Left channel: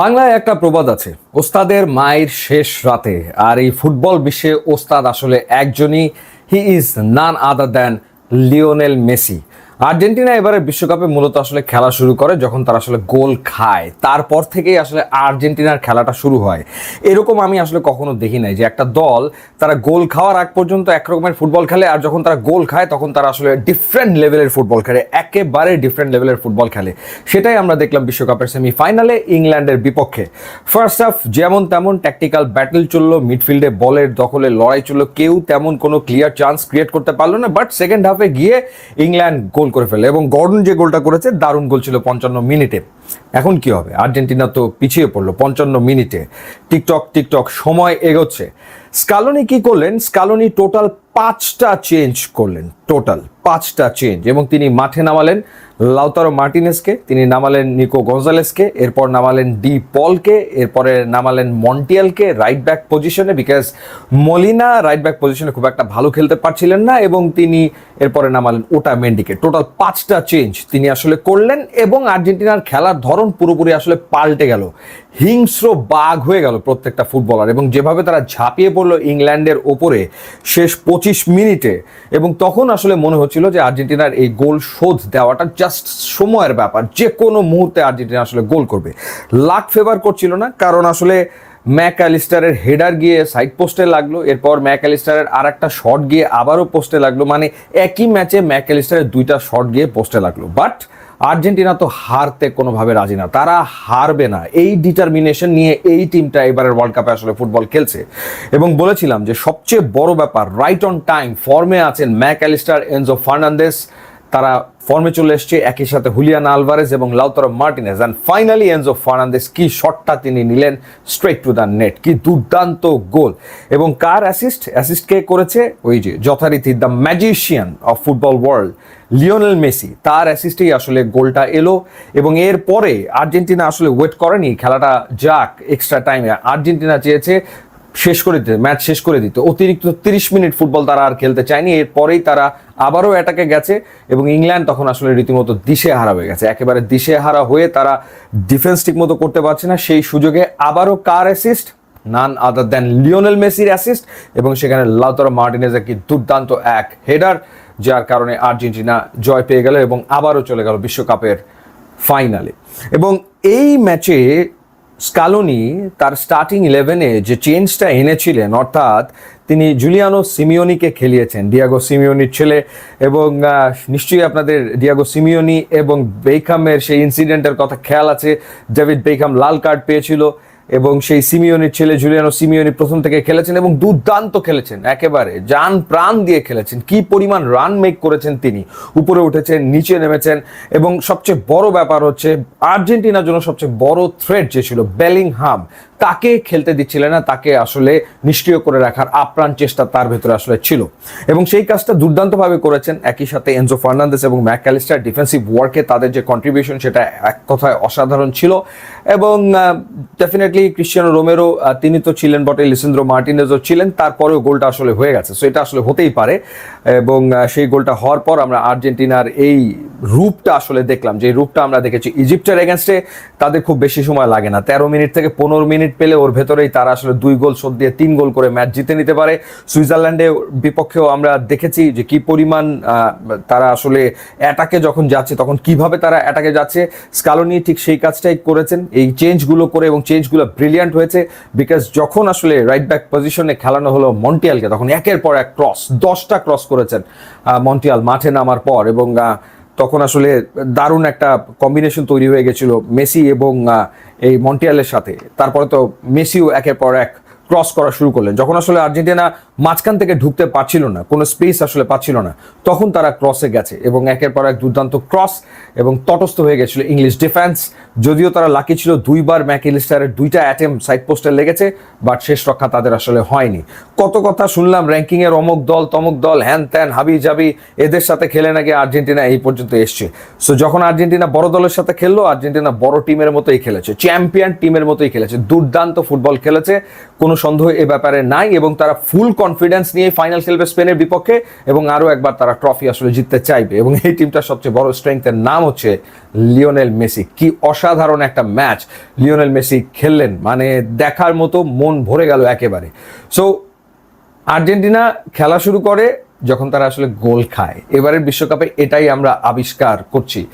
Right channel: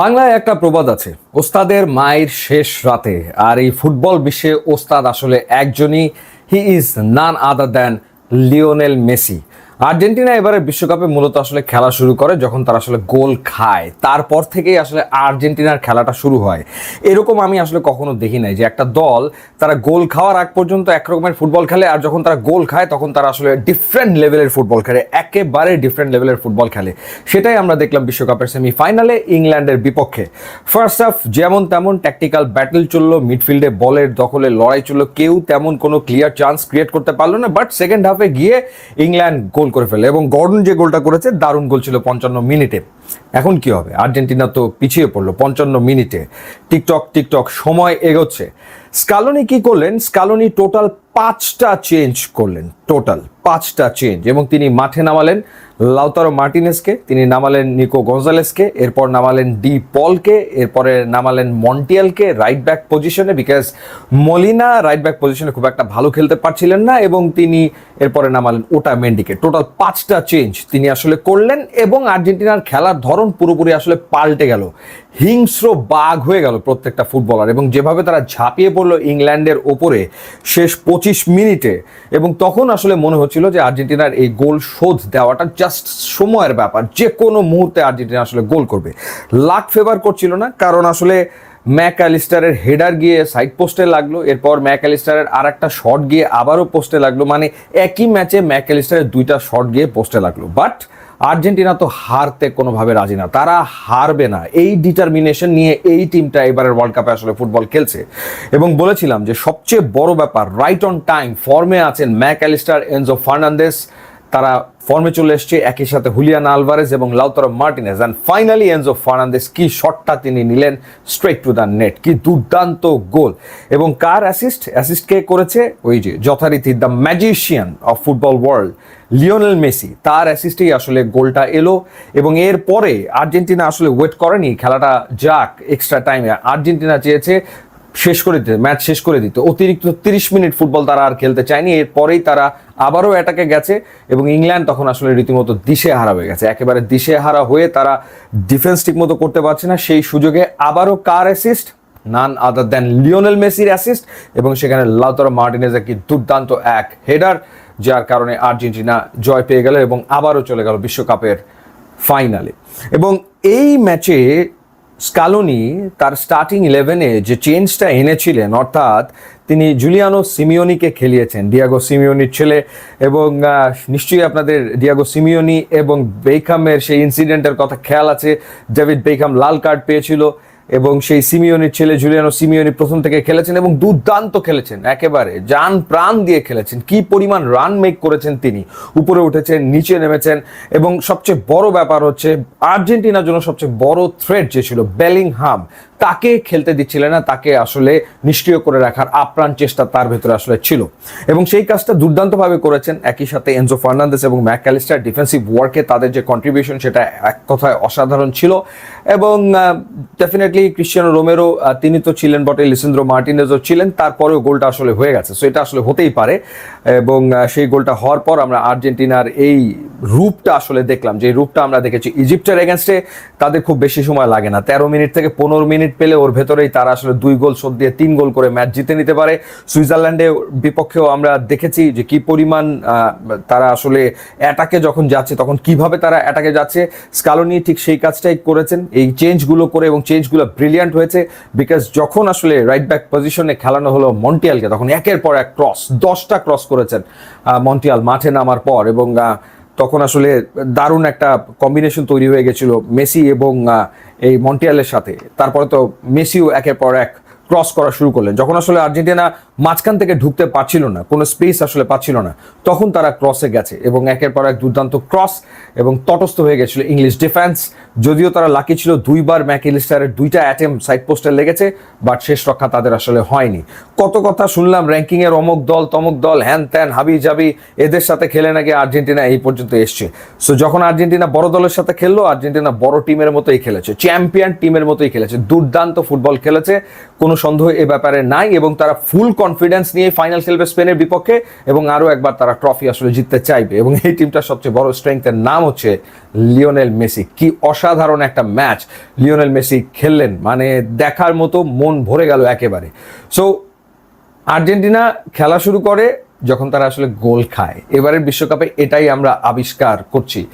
বাংলায় একটা প্রবাদ আছে, ওস্তাদের মায়ের শেষ রাতে। আর এই ফুটবল বিশ্বে ওস্তাদ আসলে একজনই, he is none other than Lionel Messi. Argentina এবারে বিশ্বকাপে মূলত আসলে খেলা শুরু করে যখন তারা আসলে গোল খায়, তারপর থেকেই আসলে আর্জেন্টিনার খেলাটা শুরু হয়। এরকম আমি আসলে কখনো দেখি নাই যে একটা দল তারা গোল খাওয়ার আগ পর্যন্ত একরকমের ফুটবল খেলে, আর যখন তারা গোল খায় তখন তারা আসলে ডিফারেন্ট লেভেলের ফুটবল খেলে, একেবারে ডিফারেন্ট লেভেলের ফুটবল খেলে। সেটাই আমরা দেখলাম বিশ্বকাপের সেমিফাইনালে ইংল্যান্ডের বিপক্ষে। ফার্স্ট হাফ যেমন তেমন ট্যাকটিক্যাল ব্যাটল চললো, মিডফিল্ডে বলের দখলে লড়াই চললো, কেউ তেমন কোনো ক্লিয়ার চান্স ক্রিয়েট করতে পারলো না। বাট সেকেন্ড হাফে গিয়ে ইংল্যান্ড গোল করে ফেলে, এবং গর্ডন যে গোলটা করেছে দারুণ গোল ছিল 55 মিনিটে। এখন কি হবে? আর্জেন্টিনা তো পিছিয়ে পড়লো 55 মিনিটে। টিকটক টিকটক সময় এগোচ্ছে। স্কালোনি কি করলেন? স্কালোনি টোটাল 5টা চেঞ্জ করলেন, টোটাল 5টা চেঞ্জ, এবং তিনি মাঠে নামালেন লাউতারো মার্টিনেসকে, তিনি নামালেন নিকো গঞ্জালেসকে, এরপর নামালেন ডি পলকে, এরপরে নামালেন মন্টিয়ালকে রাইট ব্যাক পজিশনে, বিকজ মলিনা রাইট ব্যাক পজিশনে খুব একটা ভালো খেলতে পারছিলেন না, এবং তিনি এরপরে নামালেন ওটা মেন্ডিকে। টোটাল 5টা চেঞ্জ তিনি আসলে করলেন, এবং আর্জেন্টিনার খেলার ধরন পুরোপুরি আসলে পাল্টে গেল। হিংস্র বাঘ হয়ে গেল প্রত্যেকটা ফুটবলার, এবং যেভাবে তারা ঝাঁপিয়ে পড়লো ইংল্যান্ডের উপরে শেষ 25 মিনিটে, এবং তখন আসলে মনে হচ্ছিল যে আর্জেন্টিনার এই গোল শোধ দেওয়াটা জাস্ট সময়ের ব্যাপার, যে কোনো মুহূর্তে আর্জেন্টিনা আসলে গোল করবে। লাক ফেভার করছিল না, কারণ আসলে ম্যাকঅ্যালিস্টারের হেডার গিয়ে সাইড পোস্টে লাগলো, এরপর ম্যাকঅ্যালিস্টারের আর একটা শট গিয়ে আবারও পোস্টে লাগলো, মানে একই ম্যাচে ম্যাকঅ্যালিস্টারের 2টা শট গিয়ে পোস্টে লাগলো। বাট আর্জেন্টিনা তো হারতে কোনোভাবে রাজি না, তারা হারবে না, এই ডিটারমিনেশন নিয়ে এই টিমটা এবারের ওয়ার্ল্ড কাপে আসলে ফুটবল খেলছে। এবং বলেছিলাম যে সবচেয়ে বড় ব্যাপার, রাইট অন টাইম ফর্মে আছেন ম্যাকঅ্যালিস্টার, এনজো ফার্নান্দেস, তারা ফর্মে চলে এসছে, একই সাথে হুলিয়ান আলভারেজ এবং Lautaro Martinez. And finally Enzo Fernandez কি শটটা তিনি নিলেন, স্ট্রেট টু দ্য নেট, কি দুর্দান্ত গোল। এবং কার অ্যাসিস্ট কে করেছে? ওই যে যথারীতি the magician of football world Lionel Messi, তার অ্যাসিস্টেই আসলে গোলটা এলো। এবং এরপরে আর্জেন্টিনা আসলে ওয়েট করেনি খেলাটা যাক এক্সট্রা টাইমে, আর্জেন্টিনা চেয়েছে শেষ করে দিতে, ম্যাচ শেষ করে দিতে। অতিরিক্ত 30 মিনিট ফুটবল তারা আর খেলতে চায়নি, এরপরেই তারা আবারও অ্যাটাকে গেছে, এবং ইংল্যান্ড তখন আসলে রীতিমতো দিশেহারা হয়ে গেছে, একেবারে দিশেহারা হয়ে তারা ডিফেন্স ঠিক মতো করতে পারছে না। সেই সুযোগে আবারও কার অ্যাসিস্ট? নান আদার দ্যান লিওনেল মেসির অ্যাসিস্ট, এবং সেখানে লাউতারো মার্টিনেজের কি দুর্দান্ত এক হেডার, যার কারণে আর্জেন্টিনা জয় পেয়ে গেল এবং আবারও চলে গেল বিশ্বকাপের ফাইনালে। এবং এই ম্যাচে স্কালোনি তার স্টার্টিং 11-এ যে চেঞ্জটা এনেছিলেন, অর্থাৎ তিনি জুলিয়ানো সিমিওনিকে খেলিয়েছেন, ডিয়াগো সিমিওনির ছেলে। এবং নিশ্চয়ই আপনাদের ডিয়াগো সিমিওনি এবং বেকহামের সেই ইনসিডেন্টের কথা খেয়াল আছে, ডেভিড বেকহাম লাল কার্ড পেয়েছিল, এবং সেই সিমিওনির ছেলে জুলিয়ানো সিমিওনি প্রথম থেকে খেলেছেন এবং দুর্দান্ত খেলেছেন, একেবারে জান প্রাণ দিয়ে খেলেছেন। কি পরিমাণ রান মেক করেছেন তিনি, উপরে উঠেছেন, নিচে নেমেছেন। এবং সবচেয়ে বড় ব্যাপার হচ্ছে, আর্জেন্টিনার জন্য সবচেয়ে বড় থ্রেট যে ছিল বেলিংহাম, তাকে খেলতে দিচ্ছিলেন না, তাকে আসলে নিষ্ক্রিয় করে রাখার আপ্রাণ চেষ্টা তার ভেতরে আসলে ছিল, এবং সেই কাজটা দুর্দান্তভাবে করেছেন। একই সাথে এনজো ফার্নান্দেস এবং ম্যাকঅ্যালিস্টার ডিফেন্সিভ ওয়ার্কে তাদের যে কন্ট্রিবিউশন, সেটা এক কথায় অসাধারণ ছিল। এবং ডেফিনেটলি ক্রিশ্চিয়ানো রোমেরো তিনি তো ছিলেন বটে, লিসেন্দ্রো মার্টিনেজও ছিলেন, তারপরেও গোলটা আসলে হয়ে গেছে, সো এটা আসলে হতেই পারে। এবং সেই গোলটা হওয়ার পর আমরা আর্জেন্টিনার এই রূপটা আসলে দেখলাম, যে রূপটা আমরা দেখেছি ইজিপ্টের এগেনস্টে। তাদের খুব বেশি সময় লাগে না, 13 মিনিট থেকে 15 মিনিট পেলে ওর ভেতরেই তারা আসলে 2 গোল শোধ দিয়ে 3 গোল করে ম্যাচ জিতে নিতে পারে। সুইজারল্যান্ডের বিপক্ষেও আমরা দেখেছি যে কি পরিমাণ তারা আসলে অ্যাটাকে যখন যাচ্ছে, তখন কিভাবে তারা অ্যাটাকে যাচ্ছে। স্কালোনি ঠিক সেই কাজটাই করেছেন, এই চেঞ্জগুলো করে, এবং চেঞ্জগুলো ব্রিলিয়ান্ট হয়েছে। বিকজ যখন আসলে রাইট ব্যাক পজিশনে খেলানো হলো মন্টিয়ালকে, তখন একের পর এক ক্রস, 10টা ক্রস করেছেন মন্টিয়াল মাঠে নামার পর, এবং তখন আসলে দারুণ একটা কম্বিনেশন তৈরি হয়ে গেছিল মেসি এবং এই মন্টিয়ালের সাথে। তারপরে তো মেসিও একের পর এক ক্রস করা শুরু করলেন। যখন আসলে আর্জেন্টিনা মাঝখান থেকে ঢুকতে পারছিল না, কোনো স্পেস আসলে পাচ্ছিল না, তখন তারা ক্রসে গেছে, এবং একের পর এক দুর্দান্ত ক্রস, এবং তটস্থ হয়ে গেছিল ইংলিশ ডিফেন্স। যদিও তারা লাকি ছিল, 2বার ম্যাকঅ্যালিস্টারের 2টা অ্যাটেম্প সাইড পোস্টে লেগেছে, বাট শেষ রক্ষা তাদের আসলে হয়নি। কত কথা শুনলাম, র্যাঙ্কিং এর অমুক দল তমুক দল, হ্যান ত্যান হাবি জাবি, এদের সাথে খেলে নাকি আর্জেন্টিনা এই পর্যন্ত এসছে। সো যখন আর্জেন্টিনা বড় দলের সাথে খেললো, আর্জেন্টিনা বড় টিমের মতোই খেলেছে, চ্যাম্পিয়ন টিমের মতোই খেলেছে, দুর্দান্ত ফুটবল খেলেছে, কোনো সন্দেহ এ ব্যাপারে নাই। এবং তারা ফুল কনফিডেন্স নিয়ে ফাইনাল খেলবে স্পেনের বিপক্ষে, এবং আরো একবার তারা ট্রফি আসলে জিততে চাইবে। এবং এই টিমটার সবচেয়ে বড় স্ট্রেংথের নাম হচ্ছে লিওনেল মেসি। কি অসাধারণ একটা ম্যাচ লিওনেল মেসি খেললেন, মানে দেখার মতো মন ভরে গেল একেবারে। সো আর্জেন্টিনা খেলা শুরু করে যখন তারা আসলে গোল খায়। এবারের বিশ্বকাপে এটাই আমরা আবিষ্কার করছি।